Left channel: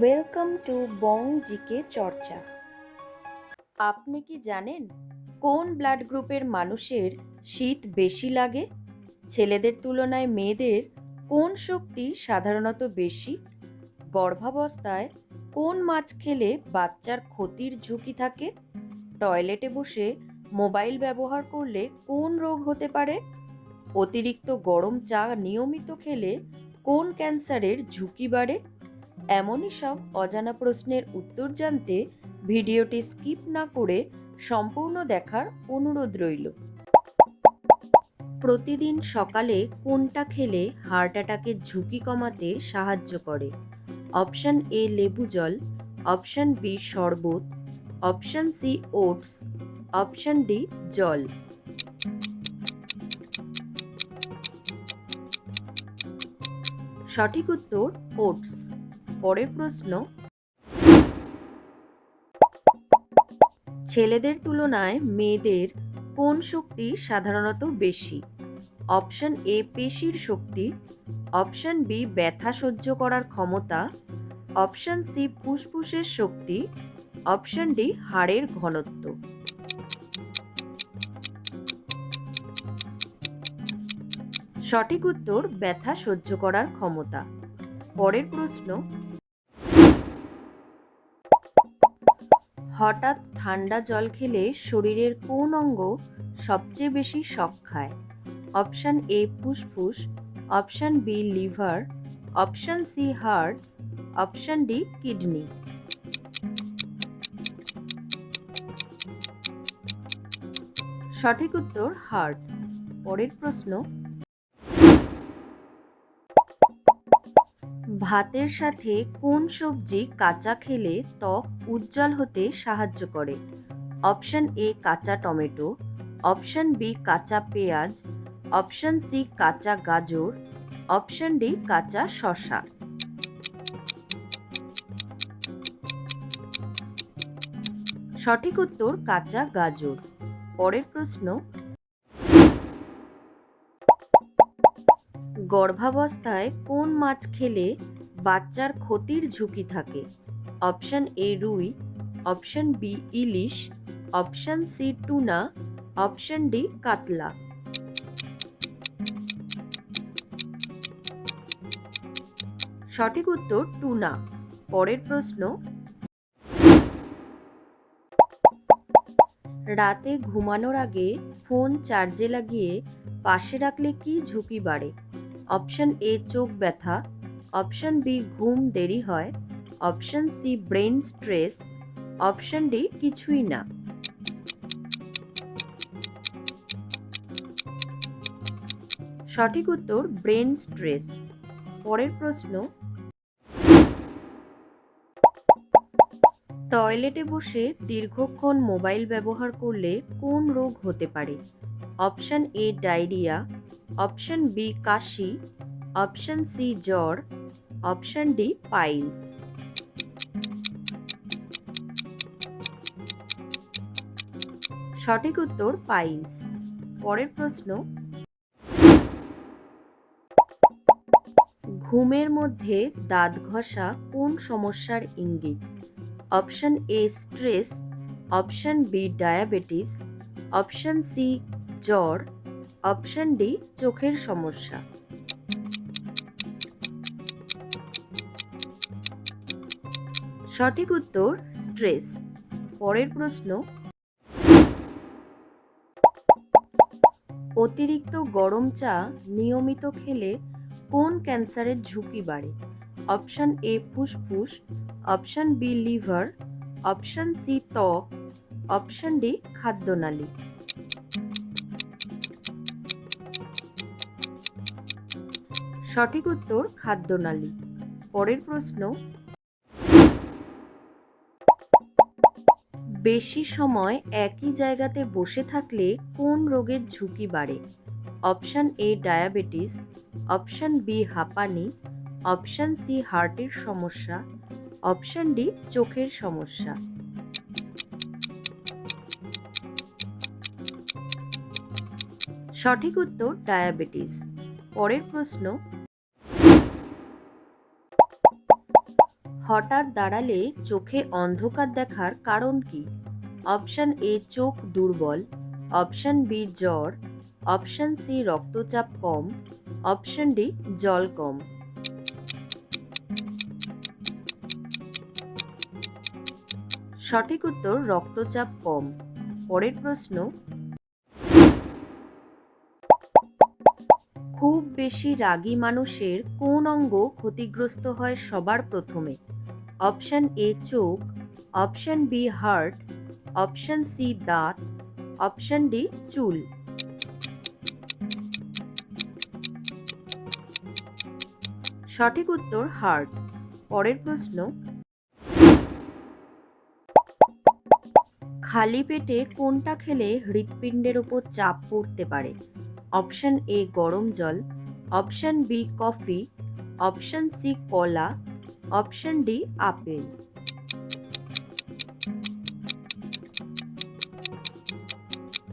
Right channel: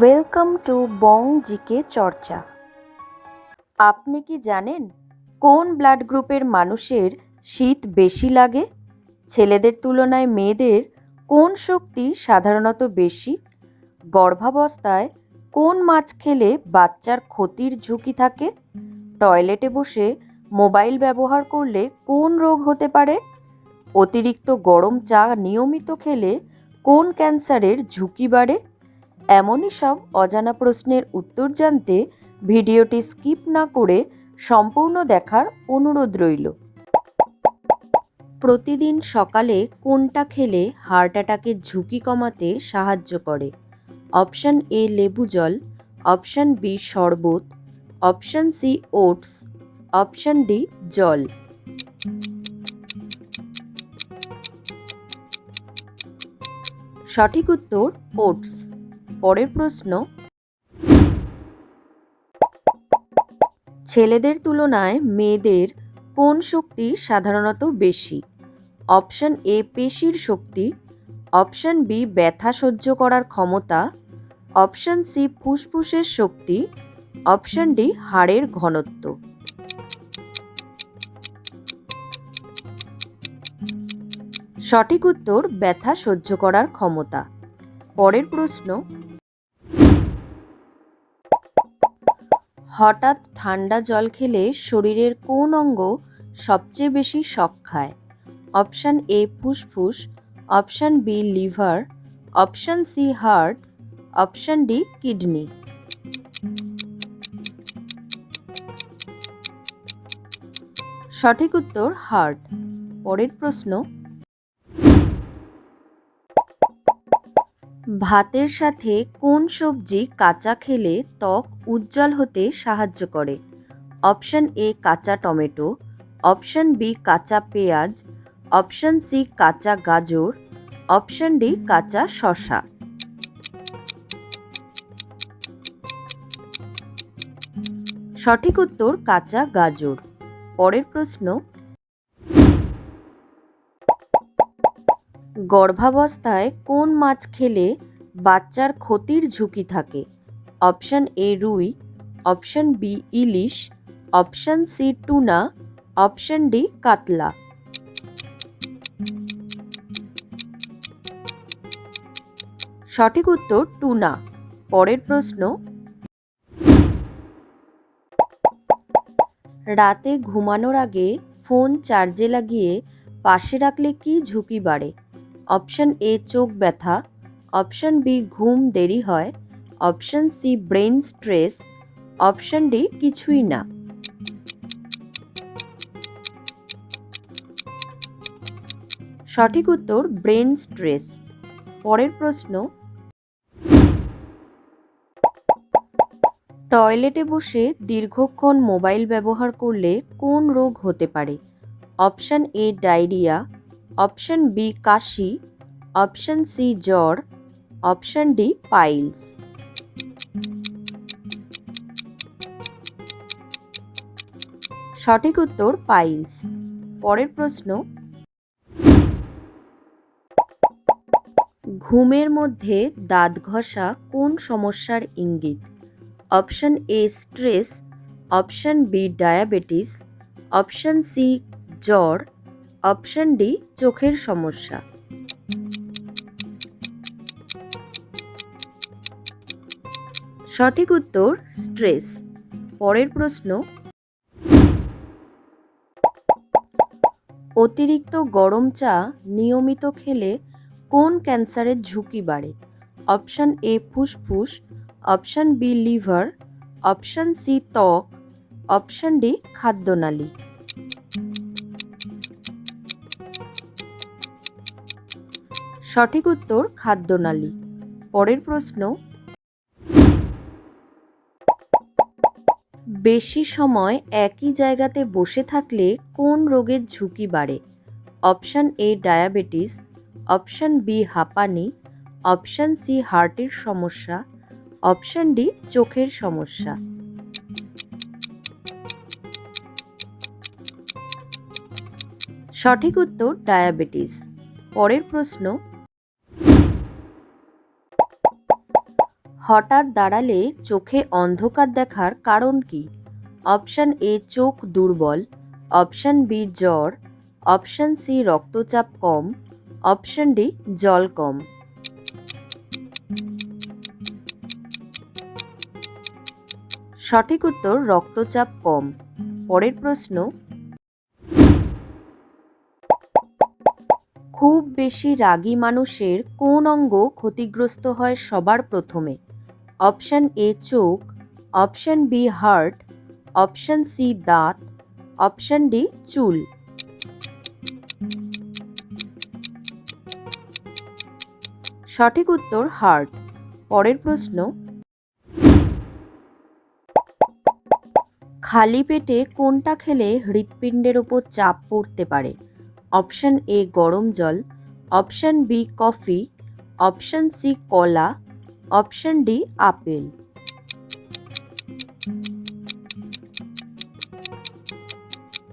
Welcome to Bong GK চর্চা আপনি কি জানেন কোন ব্লাড গ্রুপের মানুষের শীত বেশি লাগে? ছেলেদের তুলনায় মেয়েদের কোন শক্তি সাধারণত বেশি? গর্ভাবস্থায় কোন মাছ খেলে বাচ্চার ক্ষতির ঝুঁকি থাকে? টয়লেটে বসে মোবাইল ব্যবহার করলে কোন রোগ হতে পারে? অতিরিক্ত গরম চা নিয়মিত খেলে কোন ক্যান্সারের ঝুঁকি বাড়ে? এমনই সব অজানা প্রশ্নের উত্তর জানতে ভিডিওটি স্কিপ না করে সম্পূর্ণ দেখার অনুরোধ রইল। প্রতিদিন সকালে কোনটা খেলে হার্ট অ্যাটাকের ঝুঁকি কমাতে সাহায্য করে? অপশান এ লেবু জল, অপশান বি শরবত, option C oats, option D জল। সঠিক উত্তর ওটস। পরের প্রশ্ন, ছেলেদের তুলনায় মেয়েদের কোন শক্তি সাধারণত বেশি? অপশন এ, পেশির শক্তি। অপশন বি, ব্যথা সহ্য করার ক্ষমতা। অপশন সি, ফুসফুসের শক্তি। অপশন ডি, হাড়ের ঘনত্ব। সঠিক উত্তর, ব্যথা সহ্য করার ক্ষমতা। পরের প্রশ্ন হঠাৎ ঠান্ডা জল খেলে শরীরের কোন অঙ্গ সবচেয়ে বেশি শক খায়? অপশান এ ফুসফুস, option B liver, option C heart, option D kidney. সঠিক উত্তর হার্ট। পরের প্রশ্ন ভাতের সাথে কোন সবজি কাঁচা খেলে ত্বক উজ্জ্বল হতে সাহায্য করে? অপশন এ কাঁচা টমেটো, অপশন বি কাঁচা পেঁয়াজ, অপশন সি কাঁচা গাজর, অপশন ডি কাঁচা শসা। সঠিক উত্তর কাঁচা গাজর। পরের প্রশ্ন গর্ভাবস্থায় কোন মাছ খেলে বাচ্চার ক্ষতির ঝুঁকি থাকে? অপশন এ রুই, অপশন বি ইলিশ, option C tuna, option D কাতলা। সঠিক উত্তর টুনা। পরের প্রশ্ন। রাতে ঘুমানোর আগে ফোন চার্জে লাগিয়ে পাশে রাখলে কি ঝুঁকি বাড়ে? অপশন এ চোখ ব্যথা, অপশন বি ঘুম দেরি হয়, option C brain stress, option D কিছুই না। সঠিক উত্তর ব্রেন স্ট্রেস। পরের প্রশ্ন। টয়লেটে বসে দীর্ঘক্ষণ মোবাইল ব্যবহার করলে কোন রোগ হতে পারে? Option A diarrhoea option B Kashi, option C জ্বর, অপশন ডি পাইলস। সঠিক উত্তর পাইলস। পরের প্রশ্ন, ঘুমের মধ্যে দাঁত ঘষা কোন সমস্যার ইঙ্গিত? Option A stress, option B diabetes, option C জ্বর অপশন ডি, চোখের সমস্যা। সঠিক উত্তর, স্ট্রেস। পরের প্রশ্ন, অতিরিক্ত গরম চা নিয়মিত খেলে কোন ক্যান্সারের ঝুঁকি বাড়ে? অপশন এ, ফুসফুস। Option B, liver. Option C, ত্বক। অপশন ডি, খাদ্যনালী। সঠিক উত্তর খাদ্যনালী পরের প্রশ্ন, বেশি সময় একই জায়গাতে বসে থাকলে কোন রোগের ঝুঁকি বাড়ে? Option A diabetes, option B হাঁপানি, অপশান সি হার্টের সমস্যা, অপশান ডি চোখের সমস্যা। সঠিক উত্তর ডায়াবেটিস। পরের প্রশ্ন হঠাৎ দাঁড়ালে চোখে অন্ধকার দেখার কারণ কি? অপশন এ, চোখ দুর্বল। অপশন বি, জ্বর। অপশন সি, রক্তচাপ কম। অপশন ডি, জল কম। সঠিক উত্তর, রক্তচাপ কম। পরের প্রশ্ন। খুব বেশি রাগী মানুষের কোন অঙ্গ ক্ষতিগ্রস্ত হয় সবার প্রথমে? অপশন এ চোখ, option B heart, option C দাঁত, অপশন ডি চুল। সঠিক উত্তর হার্ট। পরের প্রশ্ন, খালি পেটে কোনটা খেলে হৃৎপিণ্ডের ওপর চাপ পড়তে পারে? অপশন এ গরম জল, option B coffee, option C কলা অপশন ডি, আপেল।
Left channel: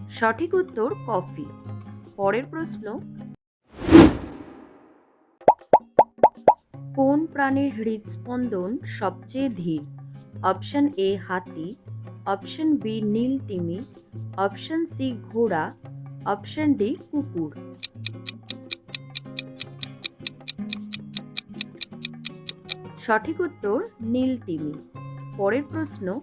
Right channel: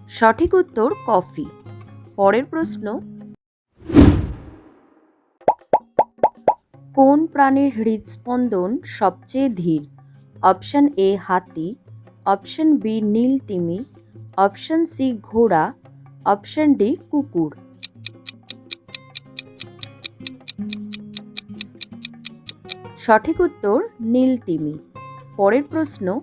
সঠিক উত্তর, কফি। পরের প্রশ্ন, কোন প্রাণীর হৃদস্পন্দন সবচেয়ে ধীর? অপশন এ, হাতি। অপশন বি, নীল তিমি। অপশন সি, ঘোড়া। অপশন ডি, কুকুর। সঠিক উত্তর নীল তিমি। পরের প্রশ্ন,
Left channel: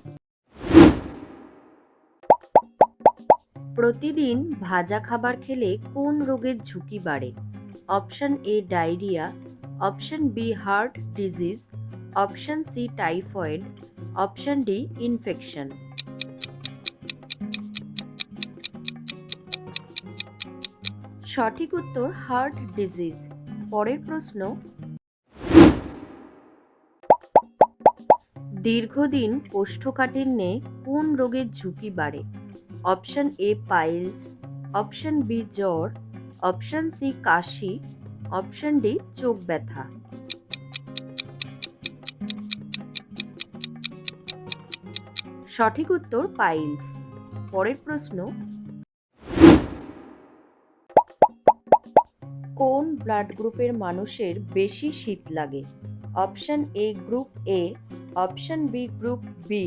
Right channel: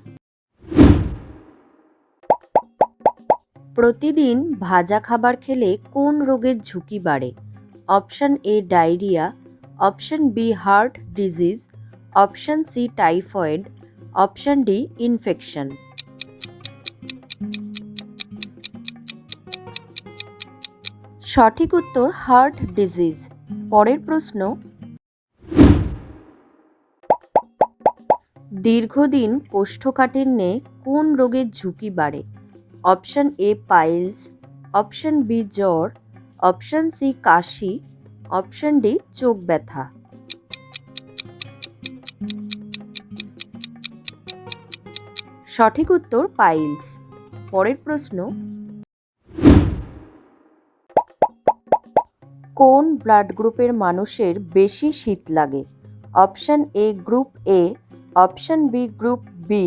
প্রতিদিন ভাজা খাবার খেলে কোন রোগের ঝুঁকি বাড়ে? Option A diarrhoea, option B heart disease, option C typhoid, option D infection. সঠিক উত্তর হার্ট ডিজিজ। পরের প্রশ্ন দীর্ঘদিন কোষ্ঠকাঠিন্যে কোন রোগের ঝুঁকি বাড়ে? Option A piles, option B জ্বর, অপশন সি কাশি, অপশন ডি চোখ ব্যথা। সঠিক উত্তর পাইলস। পরের প্রশ্ন। কোন ব্লাড গ্রুপের মানুষের বেশি শীত লাগে? Option A group A option B group B,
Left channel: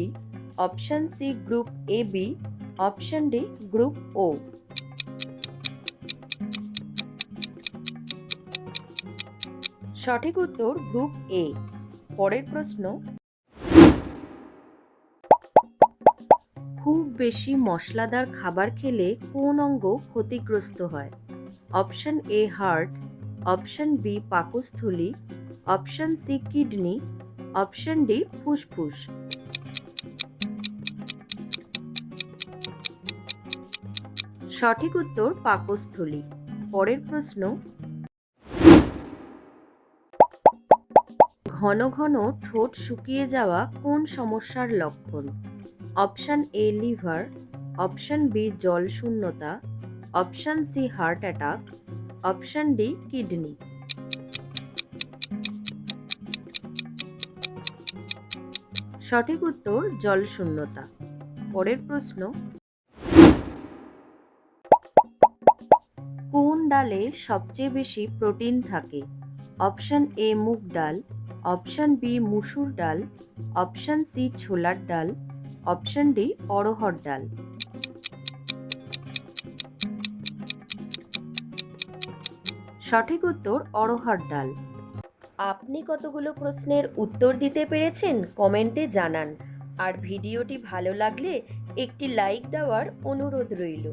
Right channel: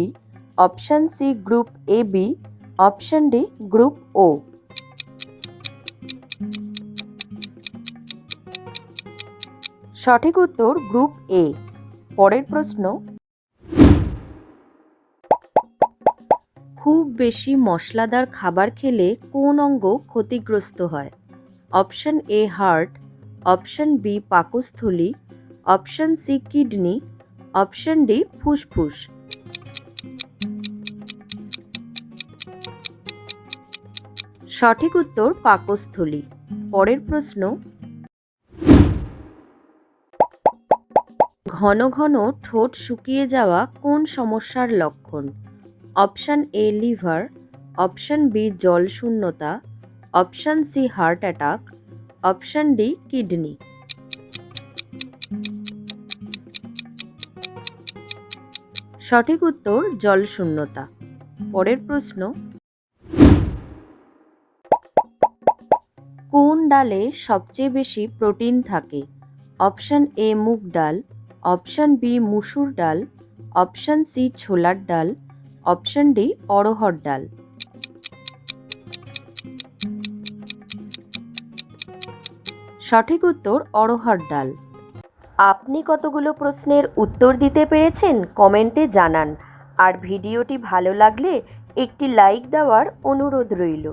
option C group A B, option D group O. সঠিক উত্তর গ্রুপ এ। পরের প্রশ্ন। খুব বেশি মশলাদার খাবার খেলে কোন অঙ্গ ক্ষতিগ্রস্ত হয়? Option A heart, option B পাকস্থলী, option C kidney option D, ফুসফুস। সঠিক উত্তর, পাকস্থলী। পরের প্রশ্ন, ঘন ঘন ঠোঁট শুকিয়ে যাওয়া কোন সমস্যার লক্ষণ? Option A, liver. Option B, জল শূন্যতা। Option C, heart attack. Option D, kidney. সঠিক উত্তর জল শূন্যতা পরের প্রশ্ন, কোন ডালে সবচেয়ে বেশি প্রোটিন থাকে? অপশন এ মুগ ডাল, অপশন বি মুসুর ডাল, অপশন সি ছোলার ডাল, অপশন ডি অড়হর ডাল। সঠিক উত্তর অড়হর ডাল। আপনি কতগুলো প্রশ্নের উত্তর দিতে পেরেছেন কমেন্টে জানান। আর ভিডিওটি ভালো লাগলে একটি লাইক দেওয়ার অনুরোধ রইল।